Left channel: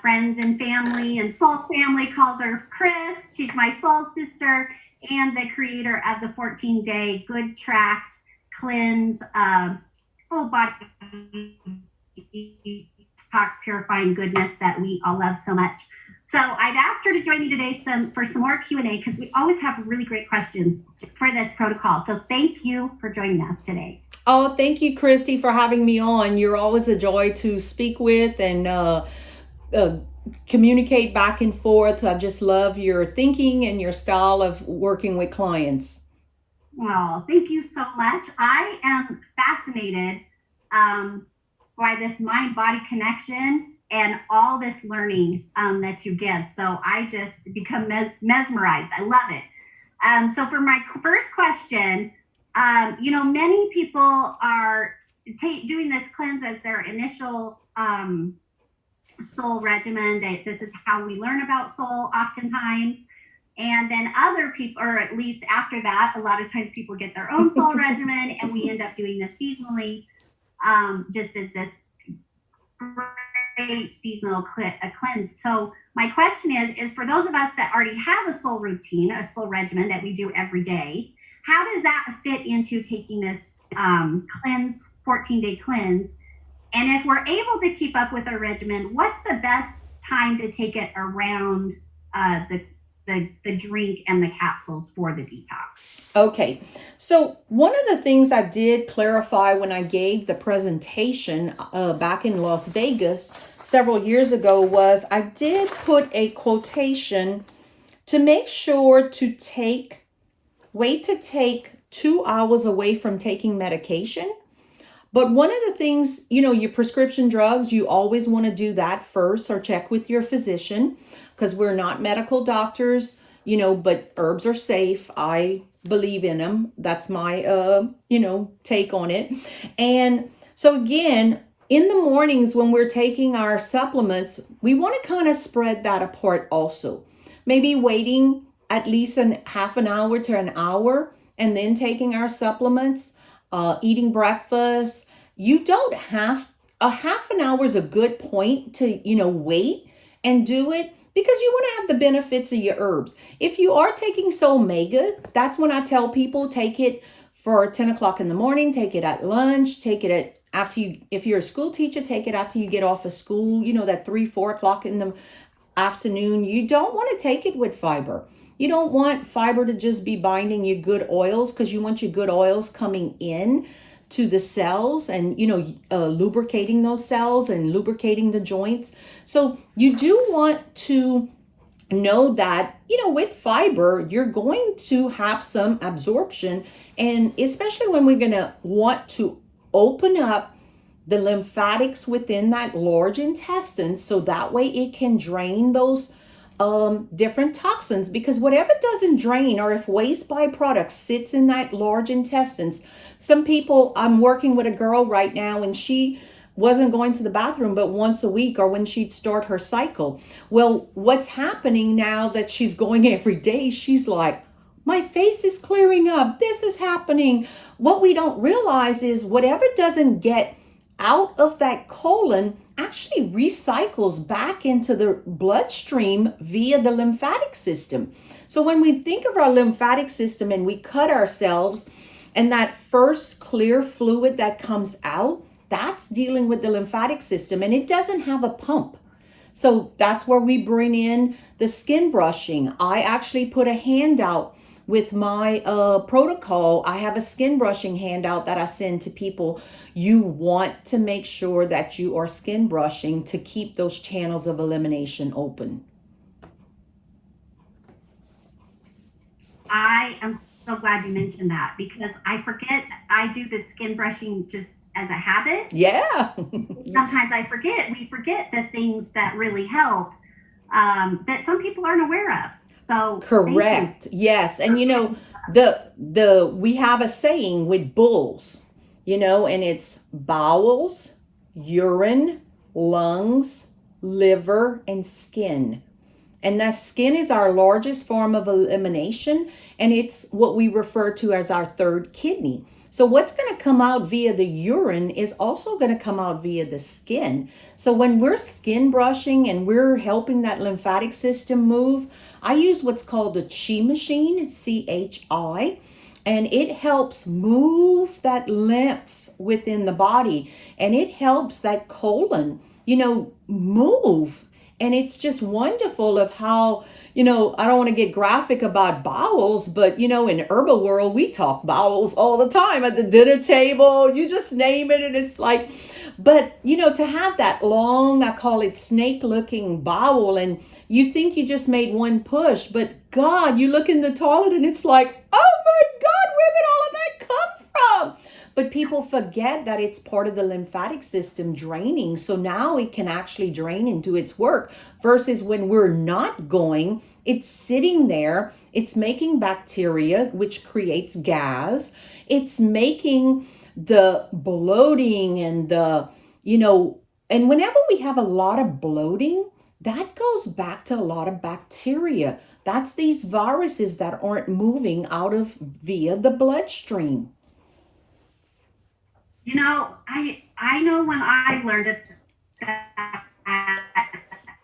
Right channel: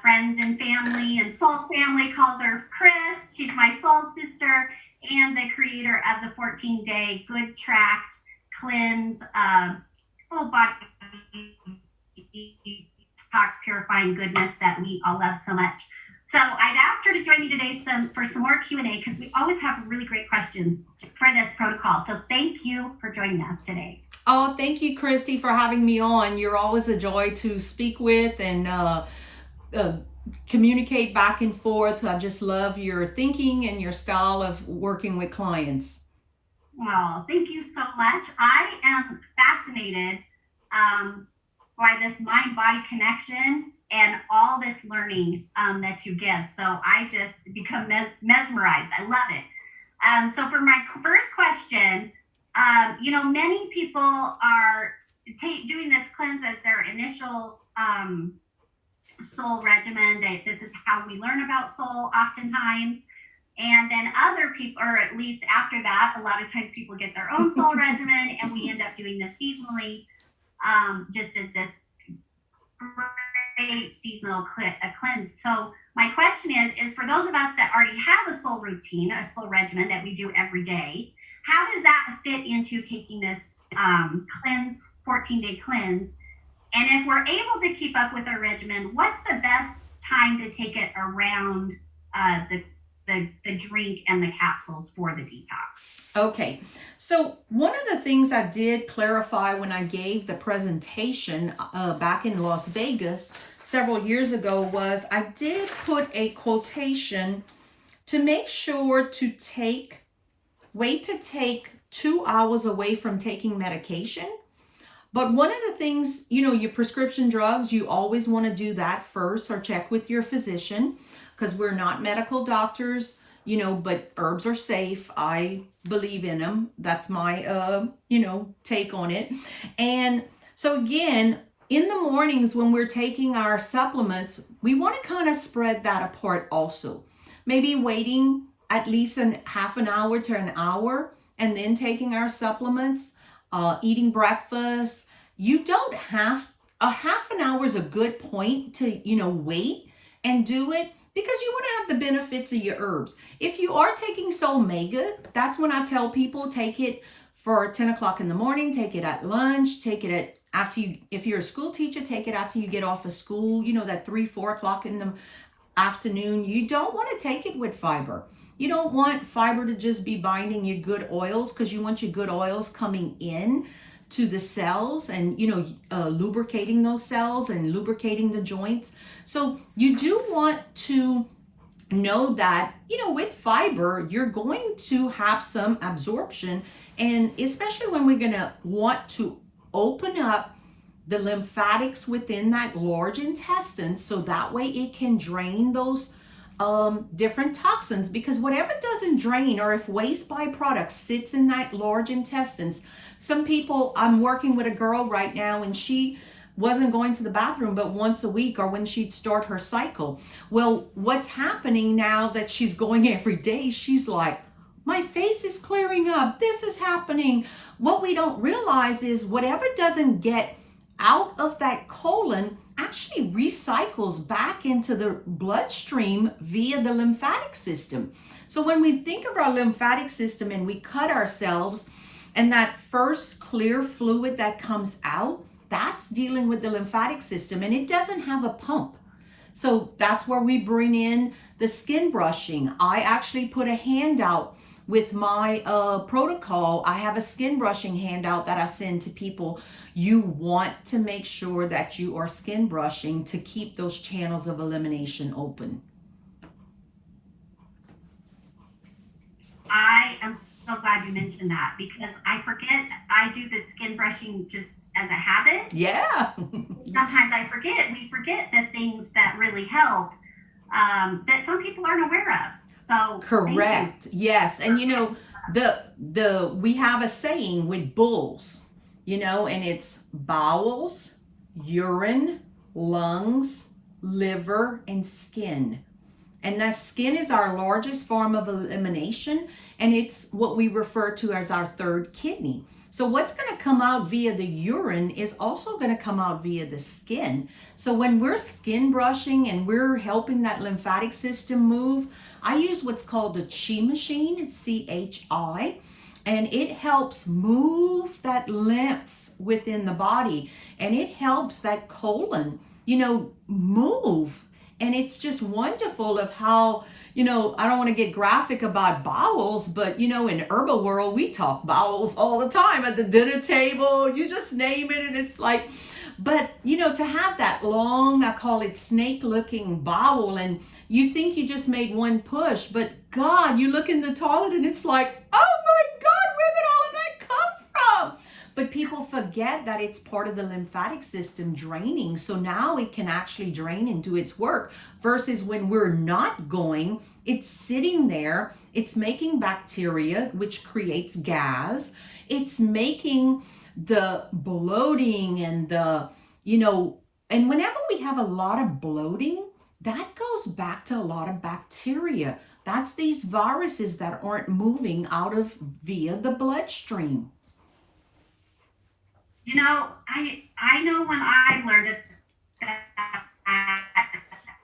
friends and family, and Soul family calls her Chris. She's my soul sister and the creator of the 14-day Goodtract cleanse, full body detox purifying goodness that we all love so much. So I'd asked her to join me today for some more Q&A, because we always have really great questions for this protocol. So thank you for joining us today. Oh, thank you, Christy, for having me on. You're always a joy to speak with and communicate back and forth. I just love your thinking and your style of working with clients. Oh, thank you so much. I am fascinated by this mind-body connection and all this learning that you give. So I just become mesmerized. I love it. So for my first question, many people are doing this cleanse as their initial soul regimen. This is how we learn about soul oftentimes. And then other people, or at least after that, a lot of times people get their own soul regimen, and we end up doing this seasonally, just as this great seasonal cleanse. So my question is for those of us that already have a soul routine, a soul regimen that we do every day, how does that fit into taking this cleanse, 14-day cleanse? And if we're able to keep up with our regimen, what's the best time to take it around the drink and the capsules for the detox? Okay, so one of the things I did clarify when I gave the presentation back in Las Vegas several years ago was I did put a quotation to make sure to wait to take 2 hours away from taking medication. But one of the things, your prescription drugs, you always want to do that first or check with your physician, because we're not medical doctors, but herbs are safe. I believe in them. That's my, take on it. And so again, in the mornings when we're taking our supplements, we want to kind of spread that apart also. Maybe waiting at least half an hour to an hour and then taking our supplements, eating breakfast. You don't have a half an hour is a good point to, wait and do it, because you want to have the benefits of your herbs. If you are taking Soul Mega, that's when I tell people take it for 10 o'clock in the morning, take it at lunch, take it if you're a school teacher, take it after you get off of school, that 3-4 o'clock in the afternoon. You don't want to take it with fiber. You don't want fiber to just be binding your good oils, because you want your good oils coming in to the cells and, lubricating those cells and lubricating the joints. So you do want to know that, with fiber, you're going to have some absorption. And especially when we're going to want to open up the lymphatics within that large intestine, so that way it can drain those different toxins, because whatever doesn't drain, or if waste byproducts sits in that large intestines. Some people, I'm working with a girl right now, and she wasn't going to the bathroom but once a week, or when she'd start her cycle. Well, what's happening now that she's going every day, she's like, my face is clearing up, this is happening. What we don't realize is whatever doesn't get out of that colon actually recycles back into the bloodstream via the lymphatic system. So when we think of our lymphatic system and we cut ourselves, and that first clear fluid that comes out, that's dealing with the lymphatic system, and it doesn't have a pump. So that's where we bring in the skin brushing. I actually put a handout with my protocol. I have a skin brushing handout that I send to people. You want to make sure that you are skin brushing to keep those channels of elimination open. I am so glad you mentioned that, because I forget. I do the skin brushing just as a habit. Yeah. Sometimes we forget the things that really help, that some people aren't aware of. So correct. Yes. And we have a saying with bulls, and it's bowels, urine, lungs, liver, and skin. And that skin is our largest form of elimination, and it's what we refer to as our third kidney. So what's going to come out via the urine is also going to come out via the skin. So when we're skin brushing and we're helping that lymphatic system move, I use what's called a chi machine, CHI, and it helps move that lymph within the body, and it helps that colon, move. And it's just wonderful of how, I don't want to get graphic about bowels, but in herbal world, we talk bowels all the time at the dinner table. You just name it, and it's like, but to have that long, I call it snake looking bowel, and you think you just made one push, but God, you look in the toilet and it's like, oh my God, where did all of that come from? But people forget that it's part of the lymphatic system draining. So now it can actually drain and do its work, versus when we're not going, it's sitting there. It's making bacteria, which creates gas. It's making the bloating and and whenever we have a lot of bloating, that goes back to a lot of bacteria. That's these viruses that aren't moving out of via the bloodstream. I know when I learned it,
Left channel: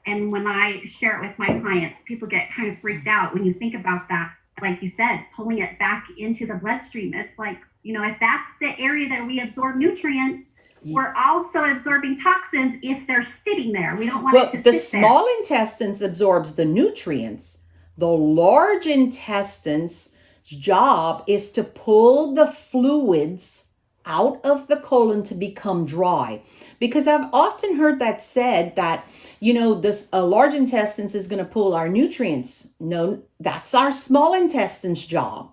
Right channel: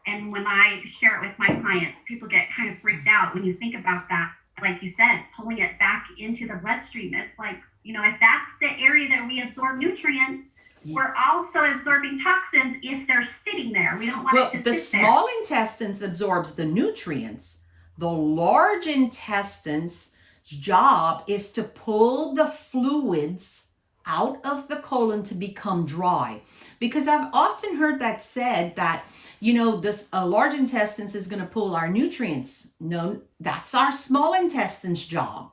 and when I share it with my clients, people get kind of freaked out when you think about that. Like you said, pulling it back into the bloodstream. It's like, if that's the area that we absorb nutrients, we're also absorbing toxins if they're sitting there. We don't want it to sit there. The small intestines absorbs the nutrients. The large intestine's job is to pull the fluids out of the colon to become dry. Because I've often heard that said that, this large intestines is going to pull our nutrients. No, that's our small intestine's job.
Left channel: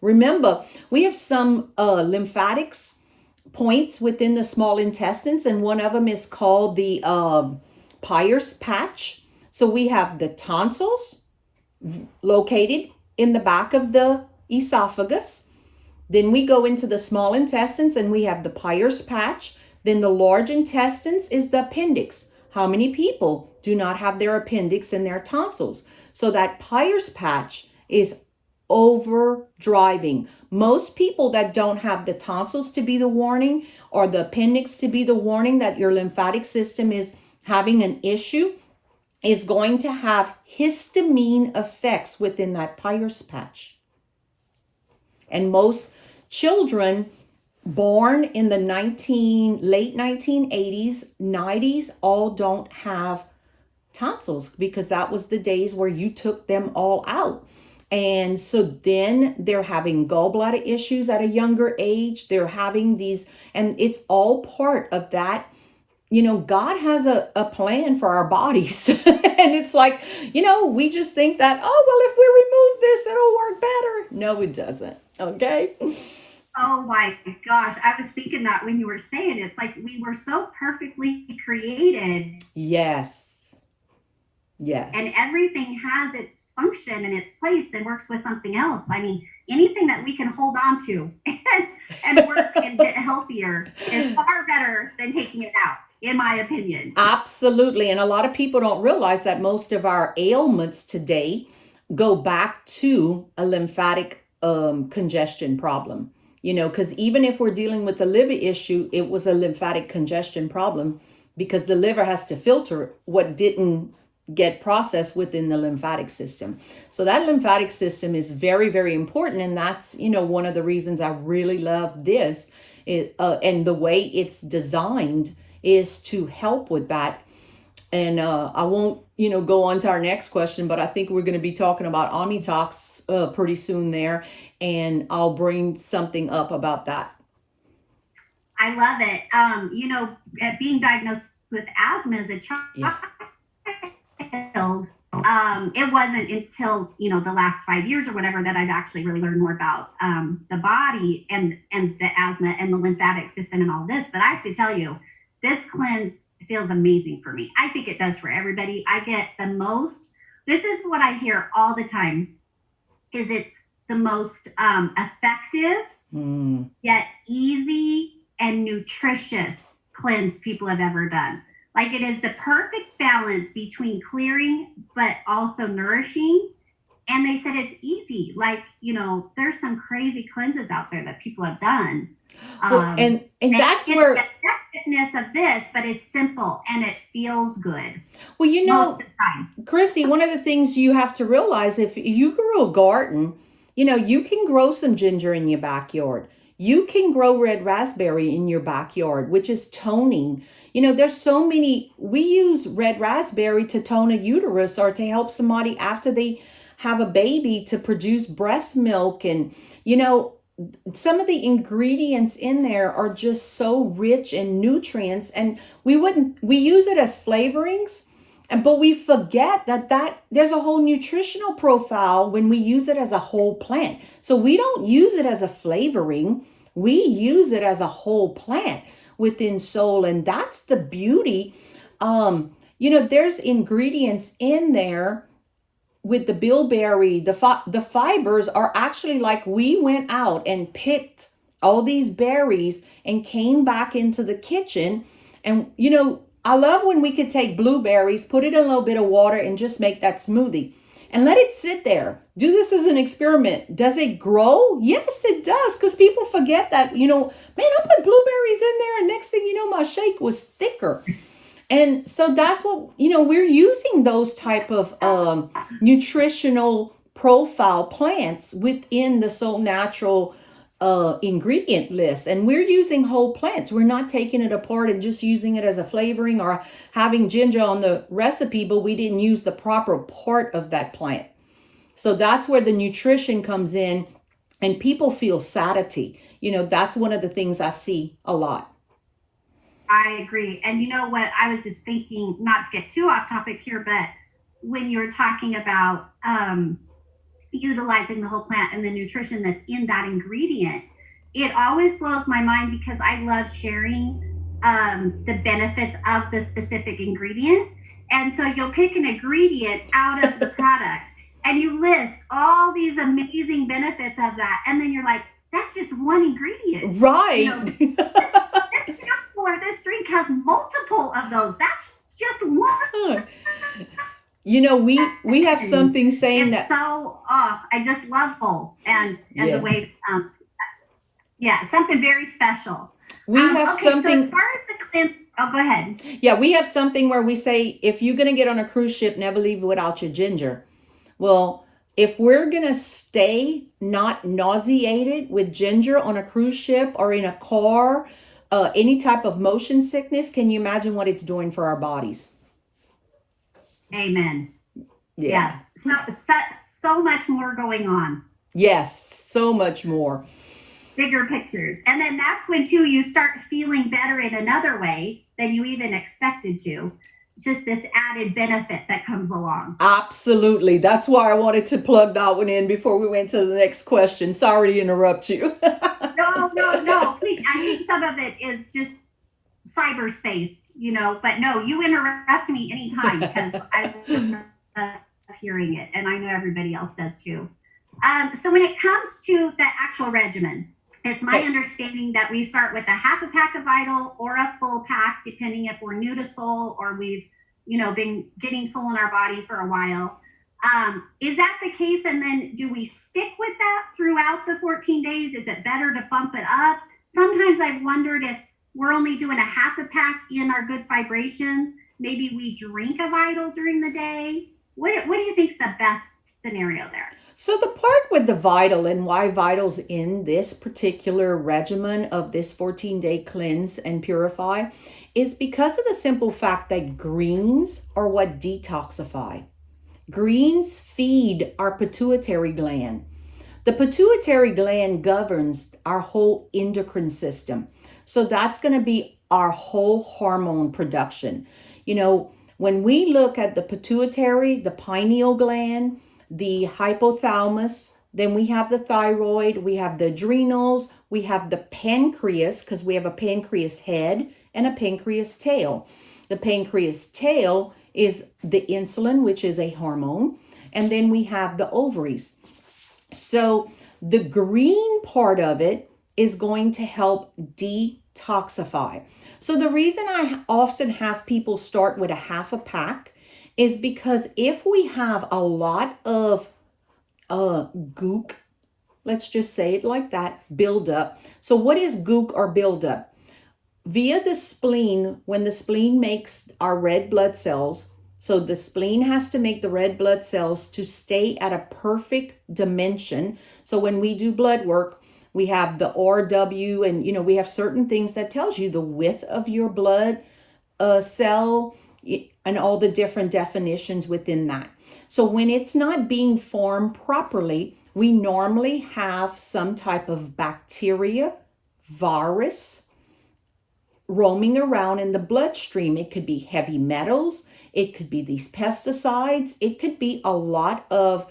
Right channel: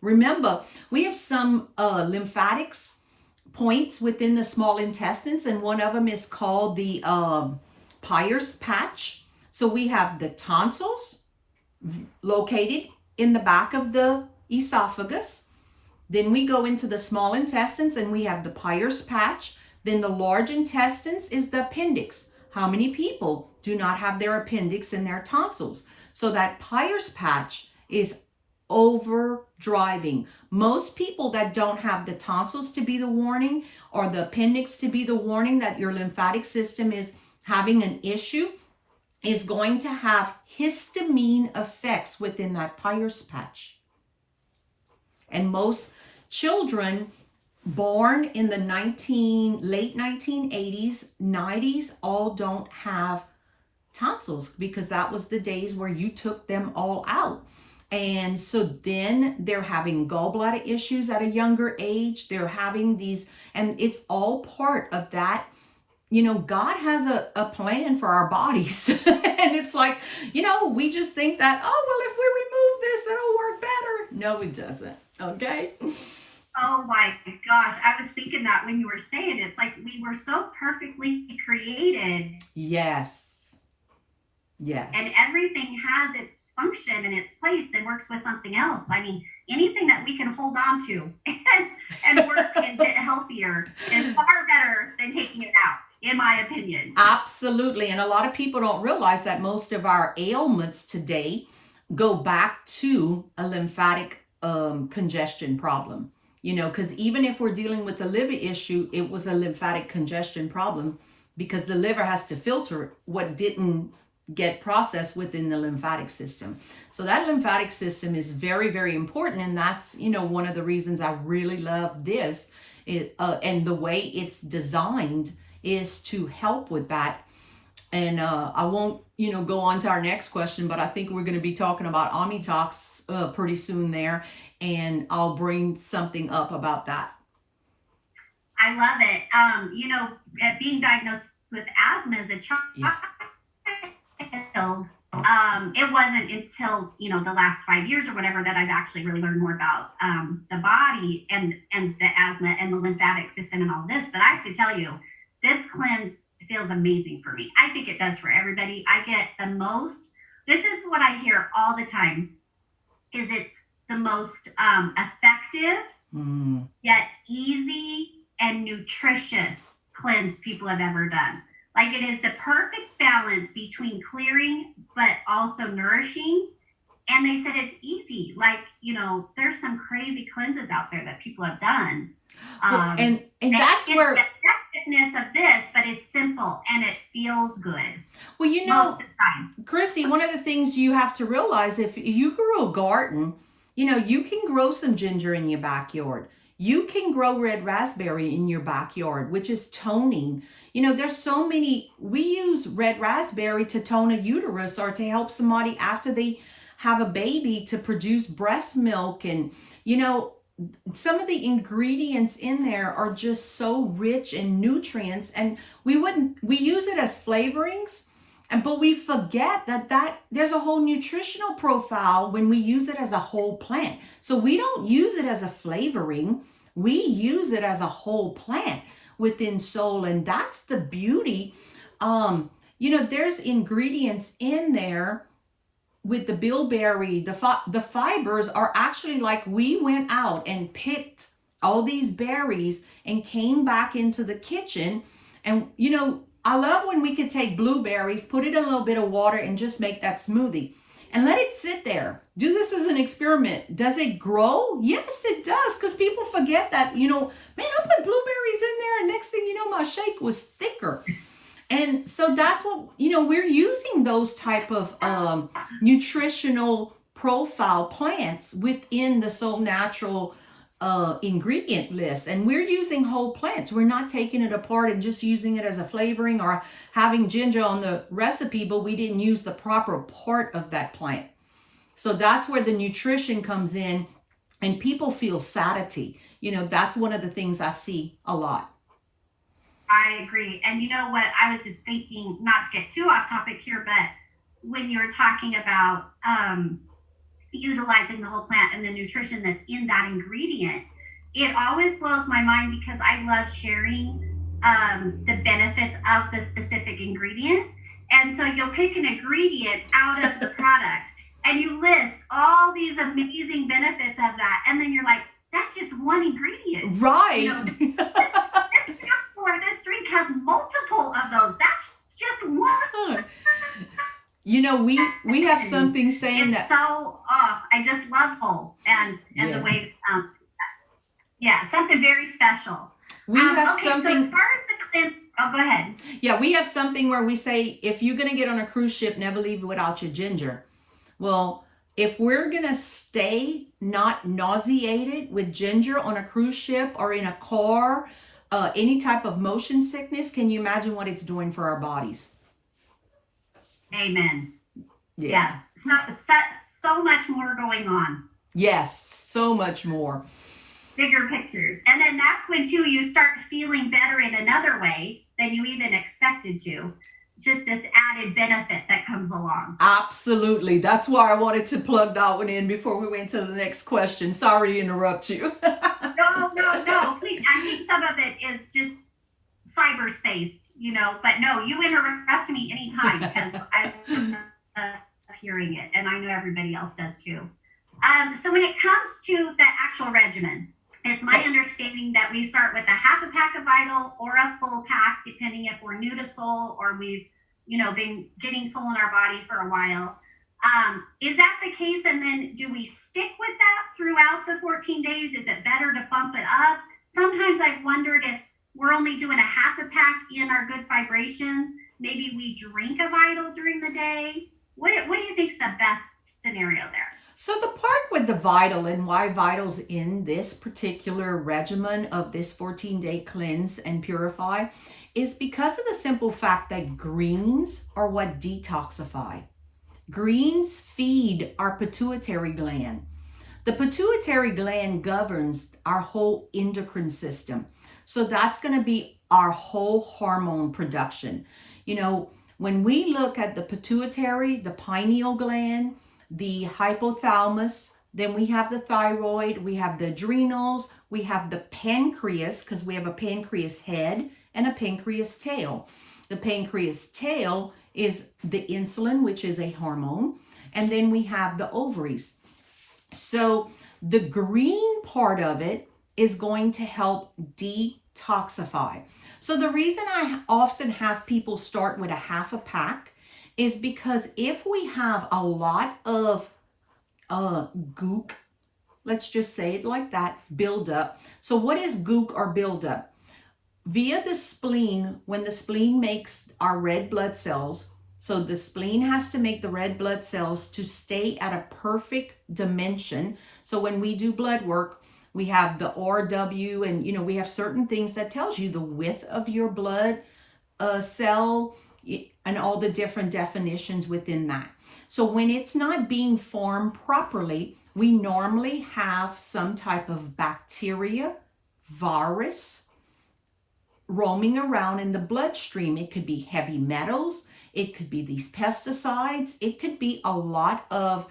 Remember, we have some lymphatics points within the small intestines, and one of them is called the Peyer's patch. So we have the tonsils located in the back of the esophagus. Then we go into the small intestines and we have the Peyer's patch. Then the large intestines is the appendix. How many people do not have their appendix in their tonsils? So that Peyer's patch is overdriving. Most people that don't have the tonsils to be the warning, or the appendix to be the warning that your lymphatic system is having an issue, is going to have histamine effects within that Peyer's patch. And most children born in the late 1980s, 90s, all don't have tonsils, because that was the days where you took them all out. And so then they're having gallbladder issues at a younger age. They're having these, and it's all part of that. God has a plan for our bodies. And it's like, we just think that, oh, well, if we remove this, it'll work better. No, it doesn't. Okay. Oh my gosh. I was thinking that when you were saying it, it's like we were so perfectly created. Yes. And everything has its function and its place and works with something else. I mean, anything that we can hold on to and work and get healthier is far better than taking it out, in my opinion. Absolutely. And a lot of people don't realize that most of our ailments today go back to a lymphatic congestion problem. Because even if we're dealing with a liver issue, it was a lymphatic congestion problem, because the liver has to filter what didn't get processed within the lymphatic system. So that lymphatic system is very, very important. And that's, one of the reasons I really love this. And the way it's designed is to help with that. And I won't, go on to our next question, but I think we're going to be talking about Detox pretty soon there. And I'll bring something up about that. I love it. At being diagnosed with asthma as a child, it wasn't until the last 5 years or whatever that I've actually really learned more about the body and the asthma and the lymphatic system and all this. But I have to tell you, this cleanse feels amazing for me. I think it does for everybody. I get the most. This is what I hear all the time. Is it's the most effective, yet easy and nutritious cleanse people have ever done. Like, it is the perfect balance between clearing but also nourishing. And they said it's easy. Like, there's some crazy cleanses out there that people have done. Well, and that's it's where the effectiveness of this, but it's simple and it feels good. well, Most of the time. Christy, one of the things you have to realize, if you grow a garden, you can grow some ginger in your backyard. You can grow red raspberry in your backyard, which is toning. There's so many. We use red raspberry to tone a uterus or to help somebody after they have a baby to produce breast milk. And, some of the ingredients in there are just so rich in nutrients. And we use it as flavorings. But we forget that there's a whole nutritional profile when we use it as a whole plant. So we don't use it as a flavoring. We use it as a whole plant within Solle. And that's the beauty. There's ingredients in there with the bilberry. The fibers are actually like we went out and picked all these berries and came back into the kitchen. And, I love when we could take blueberries, put it in a little bit of water and just make that smoothie and let it sit there. Do this as an experiment. Does it grow? Yes, it does. Because people forget that, man, I put blueberries in there and next thing you know, my shake was thicker. And so that's what, we're using those type of nutritional profile plants within the Solle Natural ingredient list, and we're using whole plants. We're not taking it apart and just using it as a flavoring or having ginger on the recipe, but we didn't use the proper part of that plant. So that's where the nutrition comes in, and people feel satiety. That's one of the things I see a lot. I agree. And you know what? I was just thinking, not to get too off topic here, but when you're talking about utilizing the whole plant and the nutrition that's in that ingredient, it always blows my mind because I love sharing the benefits of the specific ingredient. And so you'll pick an ingredient out of the product and you list all these amazing benefits of that. And then you're like, that's just one ingredient. Right. This drink has multiple of those. That's just one. We have something saying it's that. So I just love Solle and the way, something very special. We have something. So as far as the cleanse, go ahead. Yeah, we have something where we say, if you're going to get on a cruise ship, never leave without your ginger. Well, if we're going to stay not nauseated with ginger on a cruise ship or in a car, any type of motion sickness, can you imagine what it's doing for our bodies? Amen. Yeah. Yes. So much more going on. Yes, so much more. Bigger pictures. And then that's when, too, you start feeling better in another way than you even expected to. It's just this added benefit that comes along. Absolutely. That's why I wanted to plug that one in before we went to the next question. Sorry to interrupt you. No. Please. I think some of it is just cyberspace, but no, you interrupt me anytime because I love hearing it, and I know everybody else does too. So when it comes to the actual regimen, it's my understanding that we start with a half a pack of Vital or a full pack, depending if we're new to Solle or we've, been getting Solle in our body for a while. Is that the case? And then do we stick with that throughout the 14 days? Is it better to bump it up? Sometimes I've wondered if we're only doing a half a pack in our good vibrations. Maybe we drink a Vital during the day. What do you think is the best scenario there? So the part with the Vital and why Vital's in this particular regimen of this 14-day cleanse and purify is because of the simple fact that greens are what detoxify. Greens feed our pituitary gland. The pituitary gland governs our whole endocrine system. So that's going to be our whole hormone production. When we look at the pituitary, the pineal gland, the hypothalamus, then we have the thyroid, we have the adrenals, we have the pancreas, because we have a pancreas head and a pancreas tail. The pancreas tail is the insulin, which is a hormone, and then we have the ovaries. So the green part of it is going to help detoxify. So the reason I often have people start with a half a pack is because if we have a lot of gook. Let's just say it like that, buildup. So what is gook or buildup? Via the spleen, when the spleen makes our red blood cells, so the spleen has to make the red blood cells to stay at a perfect dimension. So when we do blood work, we have the RW, and we have certain things that tells you the width of your blood cell and all the different definitions within that. So when it's not being formed properly, we normally have some type of bacteria, virus roaming around in the bloodstream. It could be heavy metals, it could be these pesticides, it could be a lot of,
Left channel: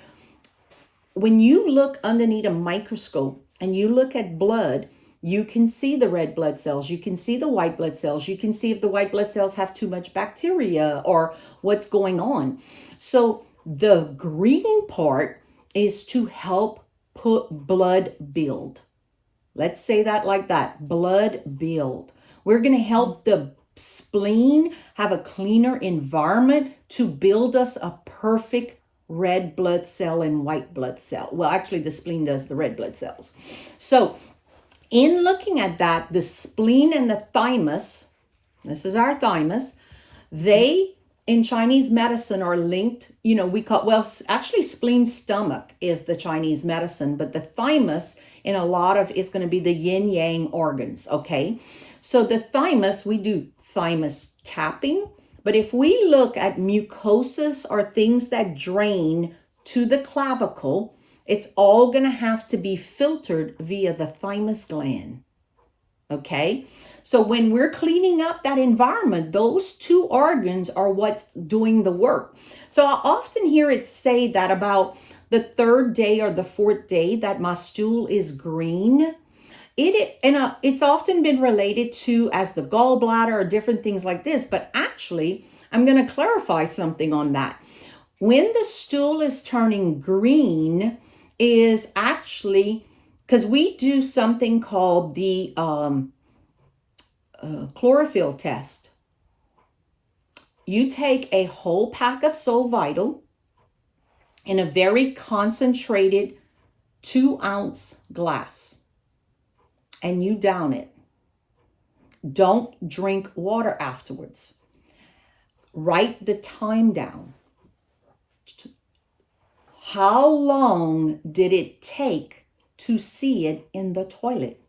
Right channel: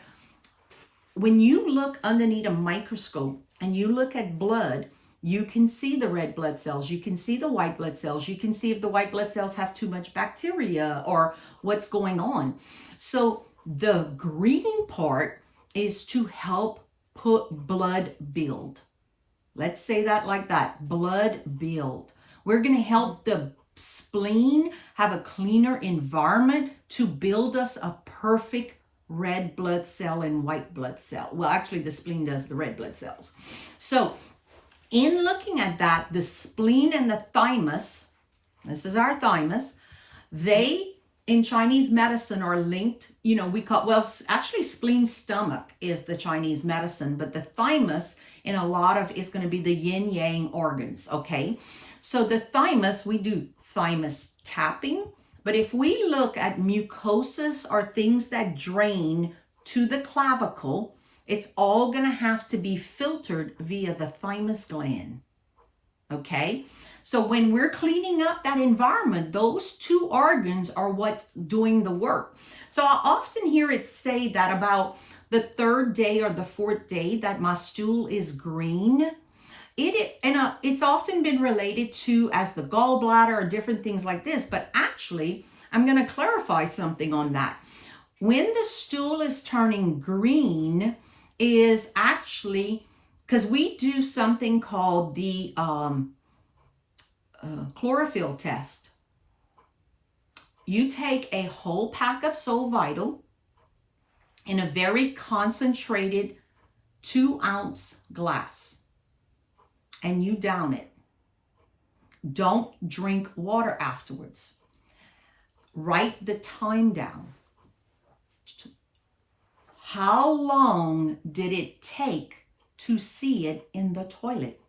when you look underneath a microscope and you look at blood, you can see the red blood cells, you can see the white blood cells, you can see if the white blood cells have too much bacteria or what's going on. So the green part is to help put blood build. Let's say that like that, blood build. We're going to help the spleen have a cleaner environment to build us a perfect red blood cell and white blood cell. Well, actually the spleen does the red blood cells. So in looking at that, the spleen and the thymus, this is our thymus, they in Chinese medicine are linked, we call, well, actually spleen stomach is the Chinese medicine, but the thymus in a lot of, it's going to be the yin yang organs, okay? So the thymus, we do thymus tapping, but if we look at mucosis or things that drain to the clavicle, it's all going to have to be filtered via the thymus gland, okay? So when we're cleaning up that environment, those two organs are what's doing the work. So I often hear it say that about the third day or the fourth day that my stool is green. It's often been related to as the gallbladder or different things like this, but actually I'm going to clarify something on that. When the stool is turning green is actually because we do something called the chlorophyll test. You take a whole pack of Solle Vital in a very concentrated 2-ounce glass and you down it. Don't drink water afterwards. Write the time down. How long did it take to see it in the toilet?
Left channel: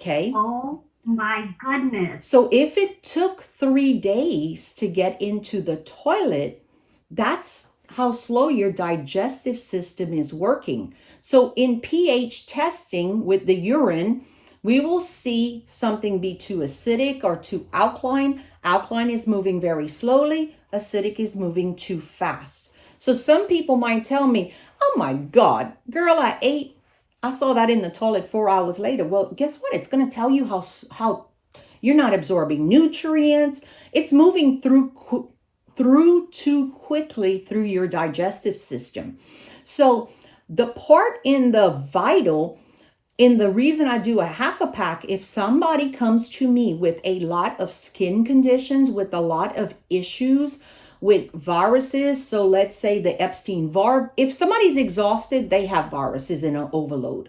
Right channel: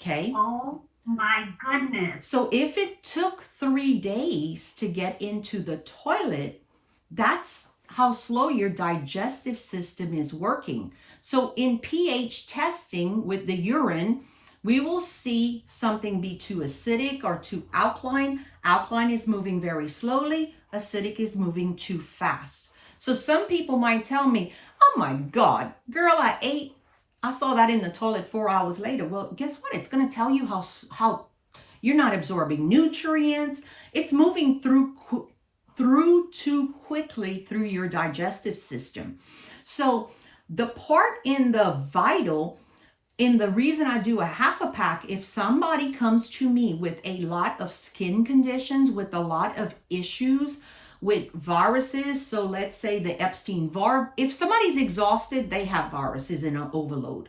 Okay. Oh my goodness. So if it took 3 days to get into the toilet, that's how slow your digestive system is working. So in pH testing with the urine, we will see something be too acidic or too alkaline. Alkaline is moving very slowly. Acidic is moving too fast. So some people might tell me, oh my God, girl, I saw that in the toilet 4 hours later. Well, guess what? It's going to tell you how you're not absorbing nutrients. It's moving through too quickly through your digestive system. So the part in the vital, in the reason I do a half a pack, if somebody comes to me with a lot of skin conditions, with a lot of issues, with viruses, so let's say the Epstein-Barr, if somebody's exhausted, they have viruses in an overload.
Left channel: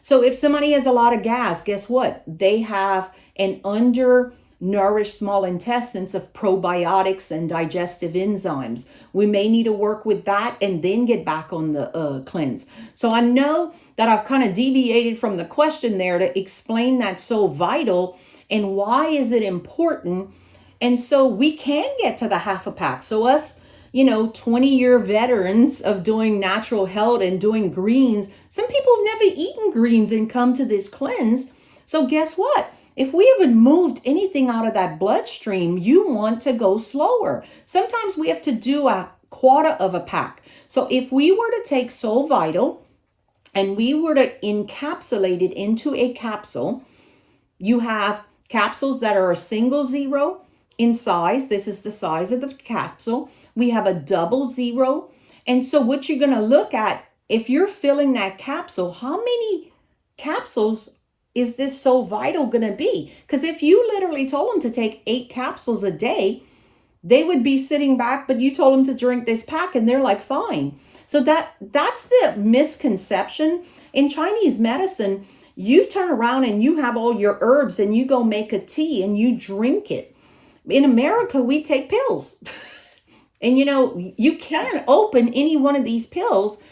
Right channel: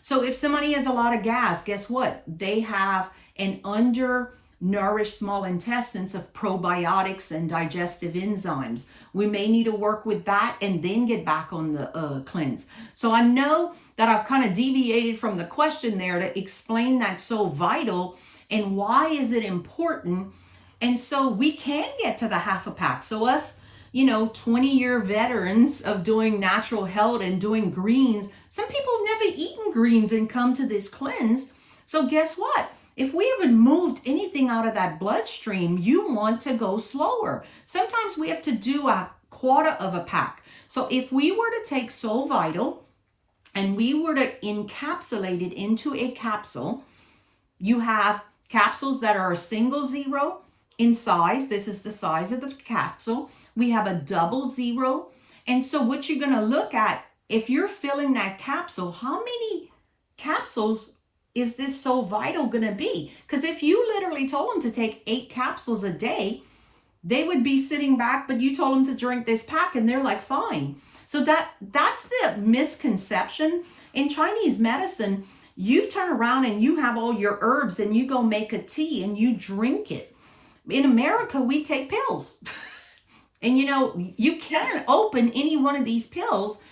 So if somebody has a lot of gas, guess what? They have an undernourished small intestines of probiotics and digestive enzymes. We may need to work with that and then get back on the cleanse. So I know that I've kind of deviated from the question there to explain that so vital and why is it important. And so we can get to the half a pack. So us, 20-year veterans of doing natural health and doing greens, some people have never eaten greens and come to this cleanse. So guess what? If we haven't moved anything out of that bloodstream, you want to go slower. Sometimes we have to do a quarter of a pack. So if we were to take Solle Vital and we were to encapsulate it into a capsule, you have capsules that are a single zero in size. This is the size of the capsule. We have a double zero. And so what you're going to look at, if you're filling that capsule, how many capsules is this Solle Vital going to be? Because if you literally told them to take 8 capsules a day, they would be sitting back, but you told them to drink this pack and they're like, fine. So that's the misconception. In Chinese medicine, you turn around and you have all your herbs and you go make a tea and you drink it. In America, we take pills. And you can open any one of these pills,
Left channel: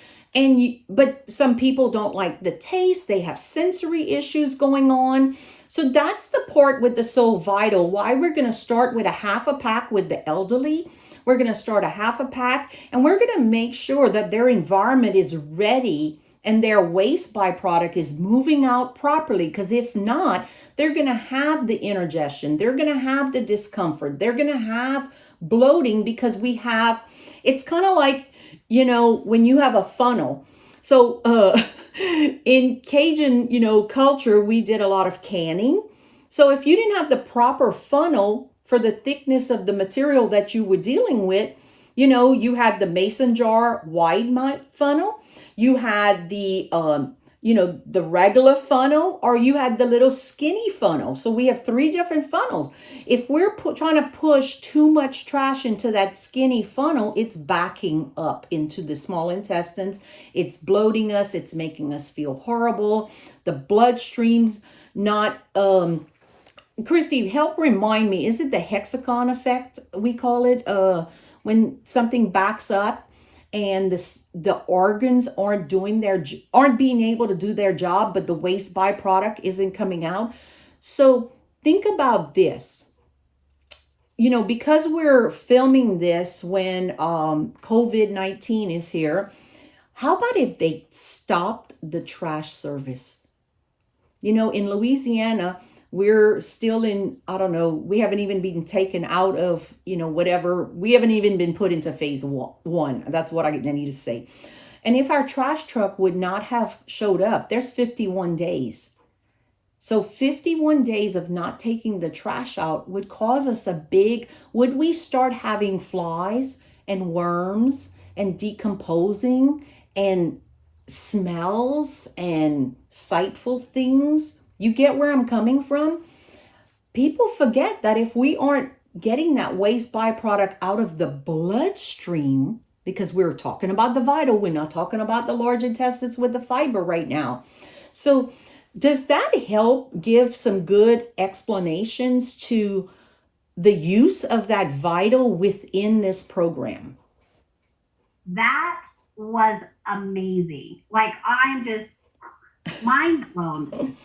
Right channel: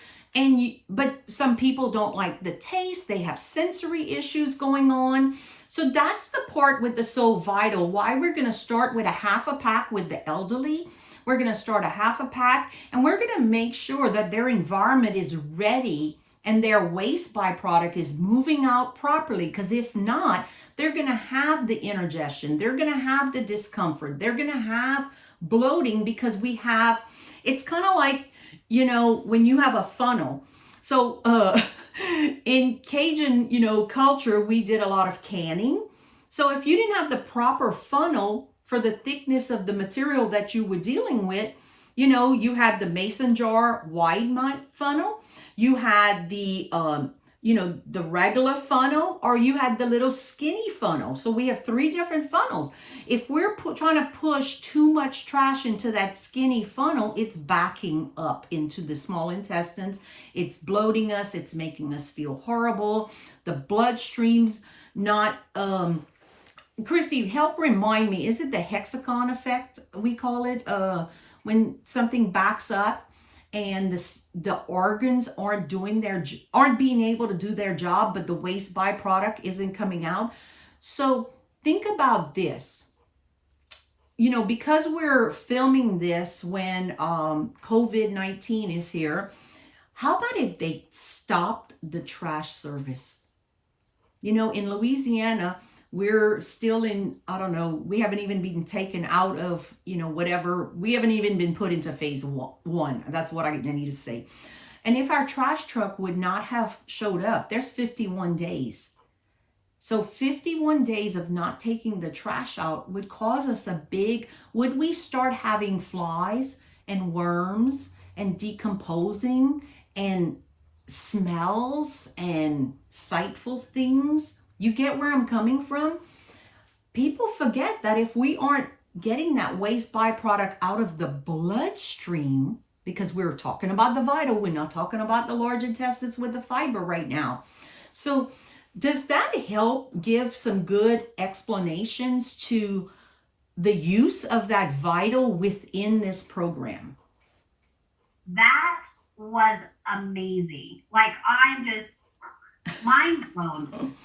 but some people don't like the taste. They have sensory issues going on. So that's the part with the So Vital, why we're going to start with a half a pack with the elderly. We're going to start a half a pack, and we're going to make sure that their environment is ready and their waste byproduct is moving out properly. Because if not, they're going to have the indigestion. They're going to have the discomfort. They're going to have bloating, because it's kind of like, when you have a funnel. So in Cajun, culture, we did a lot of canning. So if you didn't have the proper funnel for the thickness of the material that you were dealing with, you had the mason jar wide funnel, you had the the regular funnel, or you had the little skinny funnel. So we have 3 different funnels. If we're trying to push too much trash into that skinny funnel, it's backing up into the small intestines. It's bloating us. It's making us feel horrible. The bloodstream's not, Christy, help remind me, is it the hexagon effect, we call it, when something backs up and the organs aren't being able to do their job, but the waste byproduct isn't coming out? So think about this. Because we're filming this when COVID-19 is here, how about if they stopped the trash service? In Louisiana, we're still in, I don't know, we haven't even been taken out of, whatever. We haven't even been put into phase 1. That's what I need to say. And if our trash truck would not have showed up, there's 51 days. So 51 days of not taking the trash out would cause us would we start having flies and worms and decomposing and smells and sightful things? You get where I'm coming from? People forget that if we aren't getting that waste byproduct out of the bloodstream, because we're talking about the vital, we're not talking about the large intestines with the fiber right now. So does that help give some good explanations to the use of that vital within this program? That was amazing. Like, I'm just mind blown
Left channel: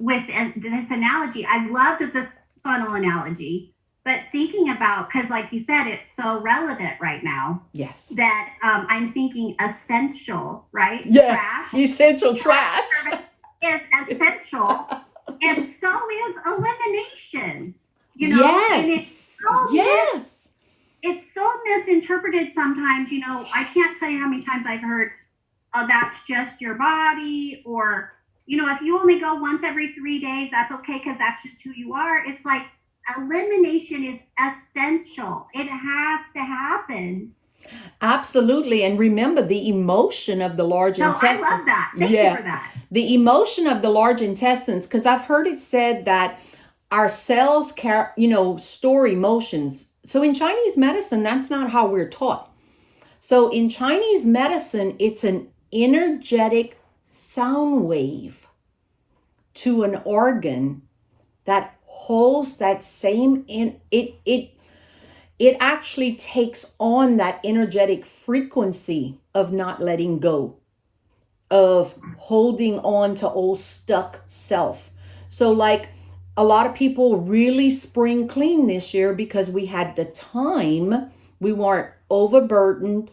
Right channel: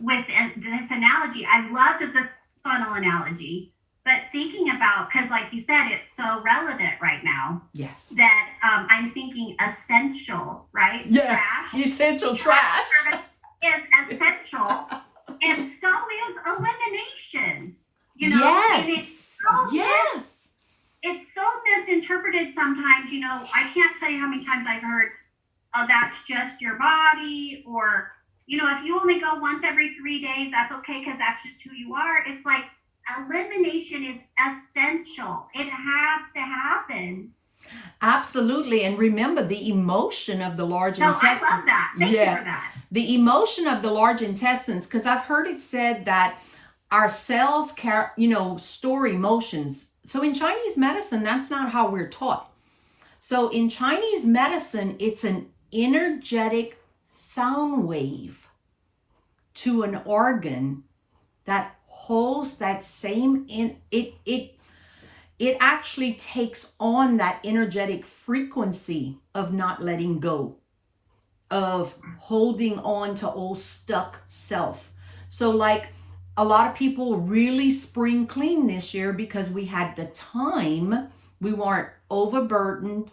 with this analogy. I loved the funnel analogy, but thinking about, because like you said, it's so relevant right now. Yes. That I'm thinking essential, right? Yes. Trash. Essential trash. Is essential, and so is elimination. Yes. And it's so misinterpreted sometimes. I can't tell you how many times I've heard, "Oh, that's just your body," or if you only go once every 3 days, that's okay because that's just who you are. It's like elimination is essential. It has to happen. Absolutely. And remember the emotion of the large intestines. I love that. Thank you for that. The emotion of the large intestines, because I've heard it said that our cells store emotions. So in Chinese medicine, that's not how we're taught. So in Chinese medicine, it's an energetic sound wave to an organ that holds that same it actually takes on that energetic frequency of not letting go, of holding on to old stuck self. So like a lot of people really spring clean this year because we had the time. We weren't overburdened,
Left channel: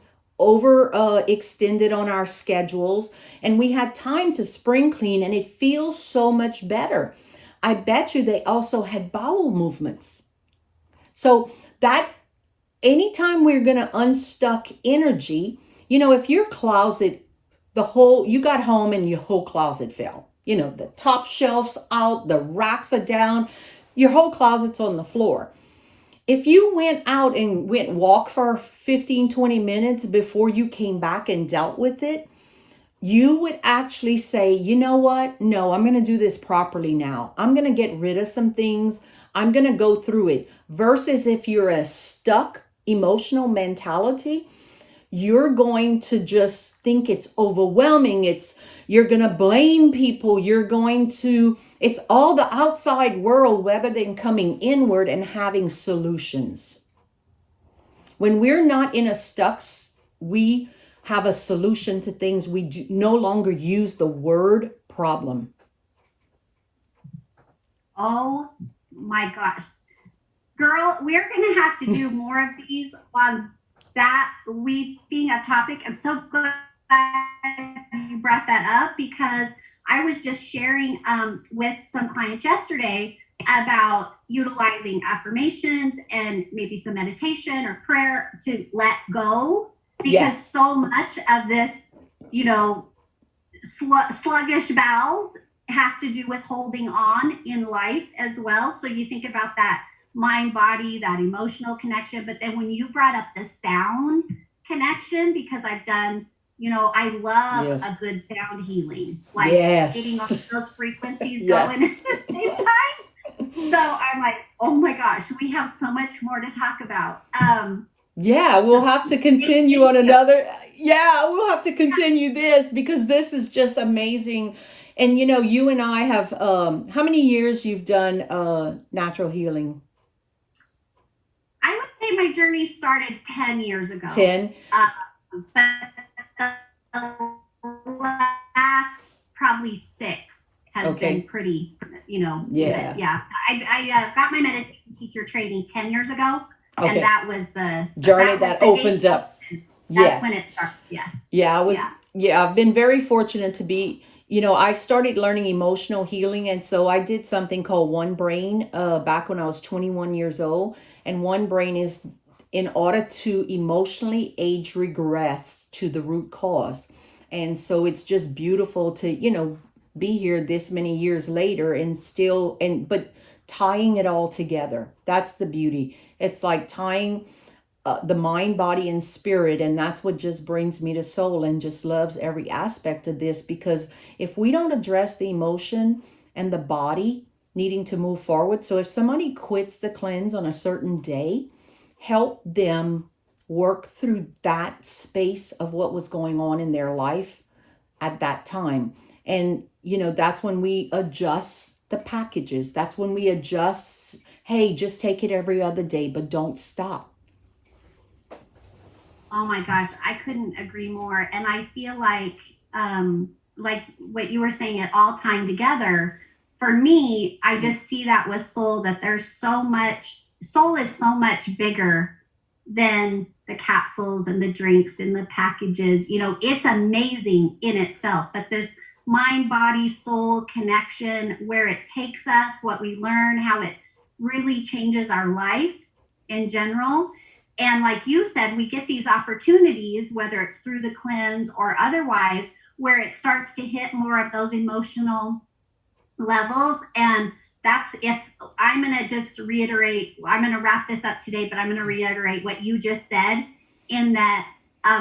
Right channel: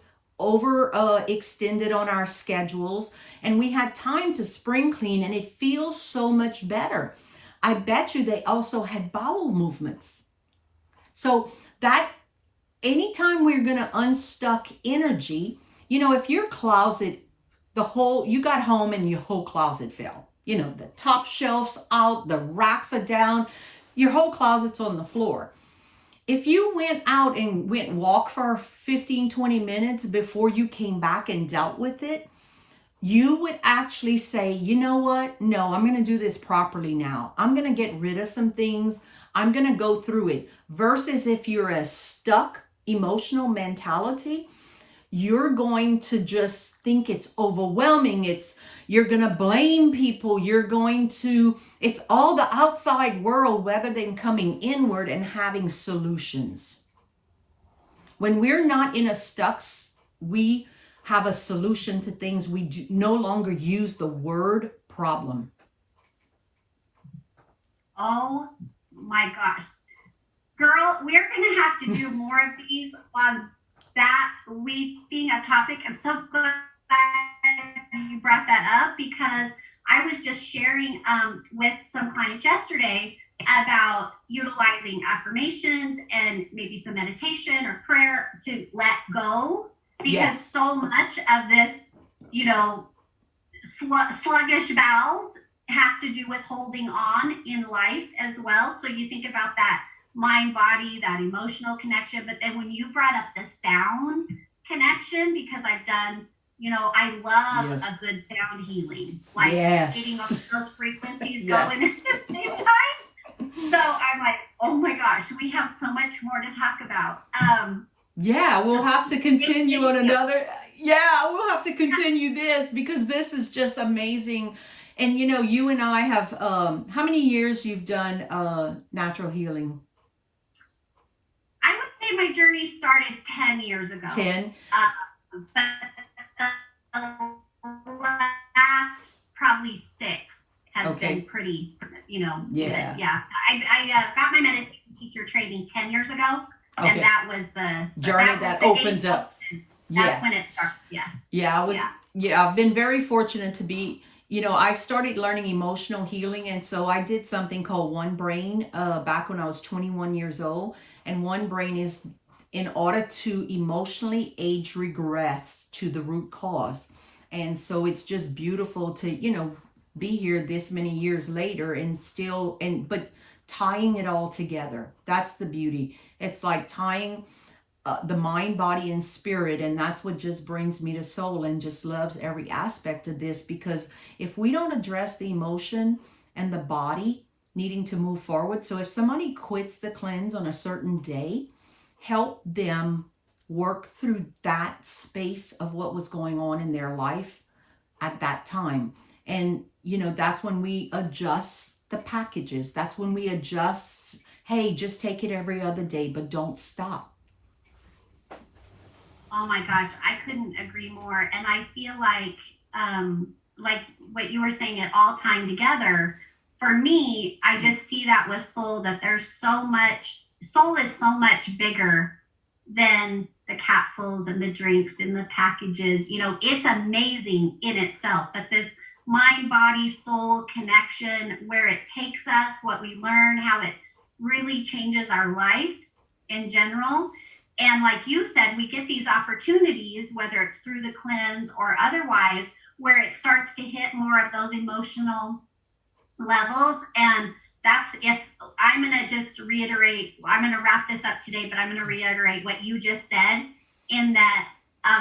extended on our schedules, and we had time to spring clean, and it feels so much better. I bet you they also had bowel movements. So that anytime we're going to unstuck energy, if your closet, you got home and your whole closet fell, the top shelf's out, the racks are down, your whole closet's on the floor. If you went out and walk for 15, 20 minutes before you came back and dealt with it, you would actually say, you know what? No, I'm going to do this properly now. I'm going to get rid of some things. I'm going to go through it. Versus if you're a stuck emotional mentality, you're going to just think it's overwhelming. You're going to blame people. It's all the outside world rather than coming inward and having solutions. When we're not in a stuck, we have a solution to things. We no longer use the word problem. Oh my gosh. Girl, we're going to have to do more of these on that week being a topic. I'm so glad you brought that up, because I was just sharing with some clients yesterday about utilizing affirmations and maybe some meditation or prayer to let go, because so much of this, sluggish bowels has to do with holding on in life as well. So you think about that mind body, that emotional connection, but then when you brought up the sound connection, because I've done, I love a good sound healing, like getting all those frequencies going at the same time. So I'm like, oh my gosh, we have so much more to talk about. We'll have to continue on another. We'll have to continue this, because this is just amazing. And you and I have, how many years you've done natural healing? I would say my journey started 10 years ago. 10? But the last probably 6 has been pretty, I got my meditation teacher training 10 years ago. And that was the journey that opened up. That's when it started. I've been very fortunate to be, I started learning emotional healing. And so I did something called One Brain back when I was 21 years old. And One Brain is in order to emotionally age regress to the root cause. And so it's just beautiful to, be here this many years later and still, but tying it all together. That's the beauty. It's like tying the mind, body, and spirit. And that's what just brings me to Solle and just loves every aspect of this. Because if we don't address the emotion and the body needing to move forward. So if somebody quits the cleanse on a certain day, help them work through that space of what was going on in their life at that time. And, that's when we adjust the packages. That's when we adjust, hey, just take it every other day, but don't stop. Oh my gosh, I couldn't agree more. And I feel like what you were saying, it all tied together. For me, I just see that with Solle, that there's so much, Solle is so much bigger than the capsules and the drinks and the packages. It's amazing in itself, but this mind, body, soul connection, where it takes us, what we learn, how it really changes our life in general. And like you said, we get these opportunities, whether it's through the cleanse or otherwise, where it starts to hit more of those emotional levels. And that's, if I'm going to just reiterate, I'm going to wrap this up today, but I'm going to reiterate what you just said, in that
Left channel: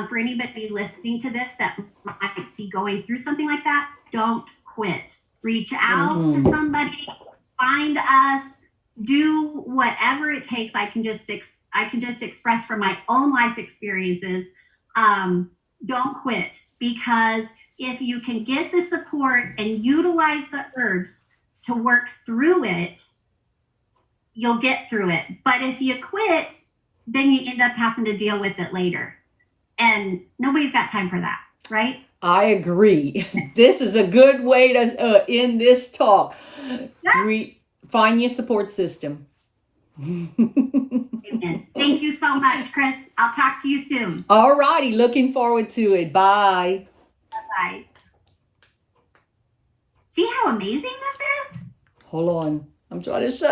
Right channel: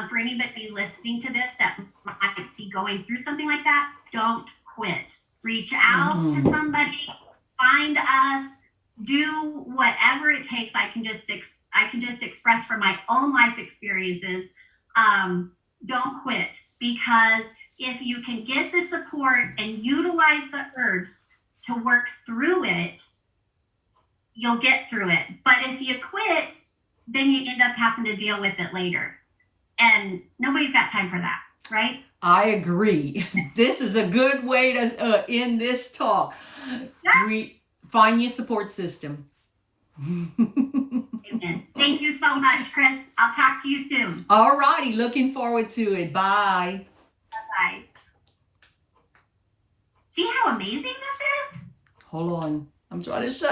for anybody listening to this that might be going through something like that, don't quit. Reach out to somebody, find us, do whatever it takes. I can just express from my own life experiences. Don't quit, because if you can get the support and utilize the herbs to work through it, you'll get through it. But if you quit, then you end up having to deal with it later. And nobody's got time for that, right? I agree. This is a good way to end this talk. Find your support system. Amen. Thank you so much, Chris. I'll talk to you soon. All righty. Looking forward to it. Bye. Bye-bye. See how amazing this is? Hold on. I'm trying to shut